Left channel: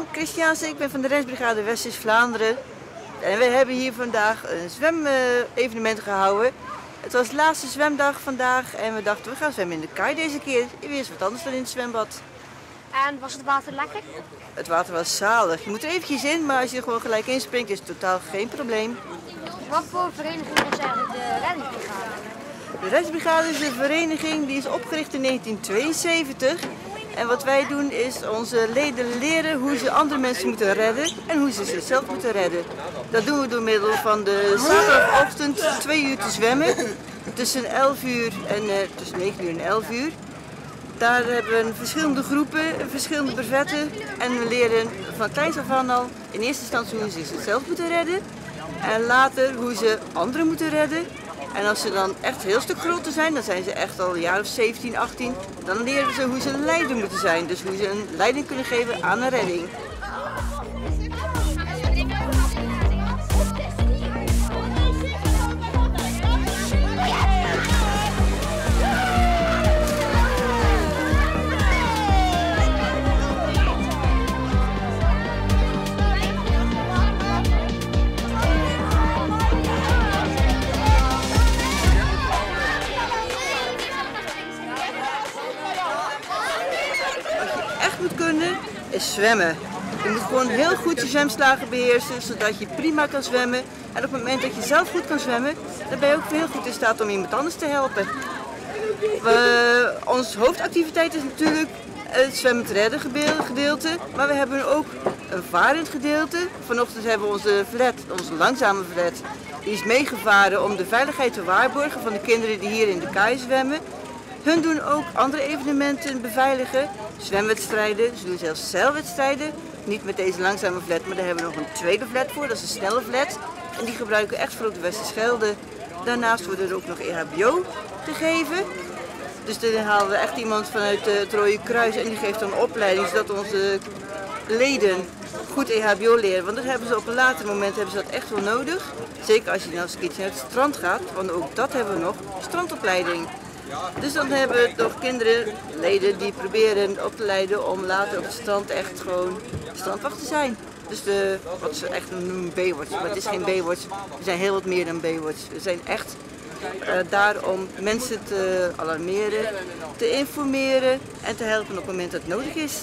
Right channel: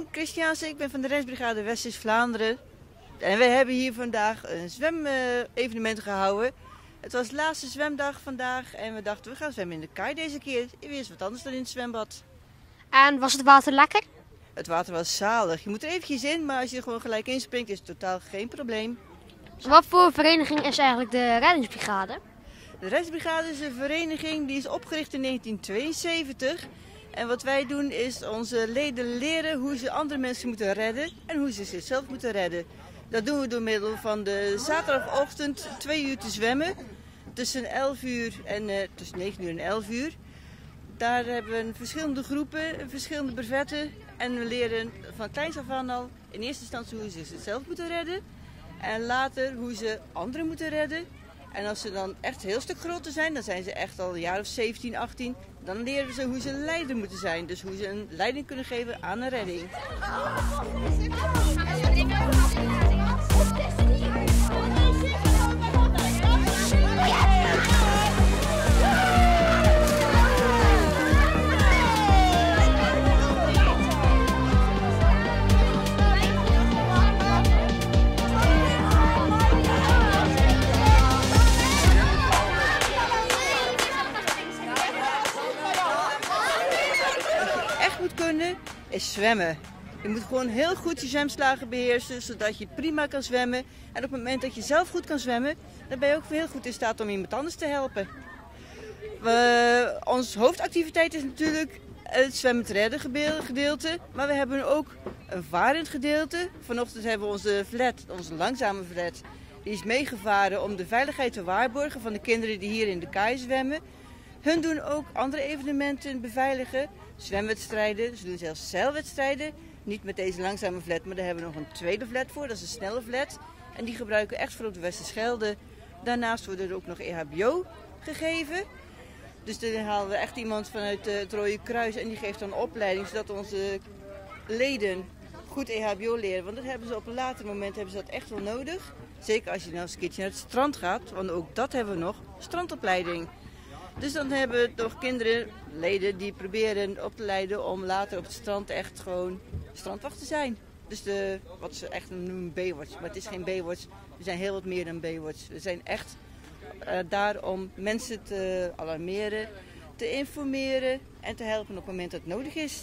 Katrien Christiaanse, ik ben van de Reddingsbrigade West-Vlaanderen. En we hebben hier vandaag een zwemevenement gehouden. Het was de laatste zwemdag vandaag en we dachten we gaan zwemmen in de kaai deze keer. Weer eens wat anders dan in het zwembad. En was het water lekker? Het water was zalig. Je moet er eventjes in, maar als je er gewoon gelijk inspringt is het totaal geen probleem. Wat voor vereniging is eigenlijk de reddingsbrigade? De Reddingsbrigade is een vereniging die is opgericht in 1972. En wat wij doen is onze leden leren hoe ze andere mensen moeten redden en hoe ze zichzelf moeten redden. Dat doen we door middel van de zaterdagochtend 2 uur te zwemmen. Tussen 11 uur en tussen 9 uur en 11 uur. Daar hebben we verschillende groepen, verschillende brevetten. En we leren van kleins af aan al in eerste instantie hoe ze zichzelf moeten redden. En later hoe ze anderen moeten redden. En als ze dan echt een heel stuk groter zijn, dan zijn ze echt al een jaar of 17, 18. Dan leren ze hoe ze een leider moeten zijn. Dus hoe ze een leiding kunnen geven aan een redding. Is zwemmen. Je moet gewoon heel goed je zwemslagen beheersen, zodat je prima kan zwemmen. En op het moment dat je zelf goed kan zwemmen, dan ben je ook heel goed in staat om iemand anders te helpen. Onze hoofdactiviteit is natuurlijk het zwemmend redden gedeelte, maar we hebben ook een varend gedeelte. Vanochtend hebben we onze langzame flat, die is meegevaren om de veiligheid te waarborgen van de kinderen die hier in de kaai zwemmen. Hun doen ook andere evenementen beveiligen, zwemwedstrijden, ze doen zelfs zeilwedstrijden. Niet met deze langzame flat, maar daar hebben we nog een tweede flat voor, dat is een snelle flat. En die gebruiken we echt voor op de Westerschelde. Daarnaast wordt er ook nog EHBO gegeven. Dus dan halen we echt iemand vanuit het Rode Kruis en die geeft dan een opleiding, zodat onze leden goed EHBO leren. Want dat hebben ze op een later moment hebben ze dat echt wel nodig. Zeker als je nou eens een keertje naar het strand gaat, want ook dat hebben we nog, strandopleiding. Dus dan hebben we toch kinderen, leden die proberen op te leiden om later op het strand echt gewoon strandwacht te zijn. Dus wat ze echt noemen Baywatch, maar het is geen Baywatch, we zijn heel wat meer dan Baywatch. We zijn echt daar om mensen te alarmeren, te informeren en te helpen op het moment dat het nodig is.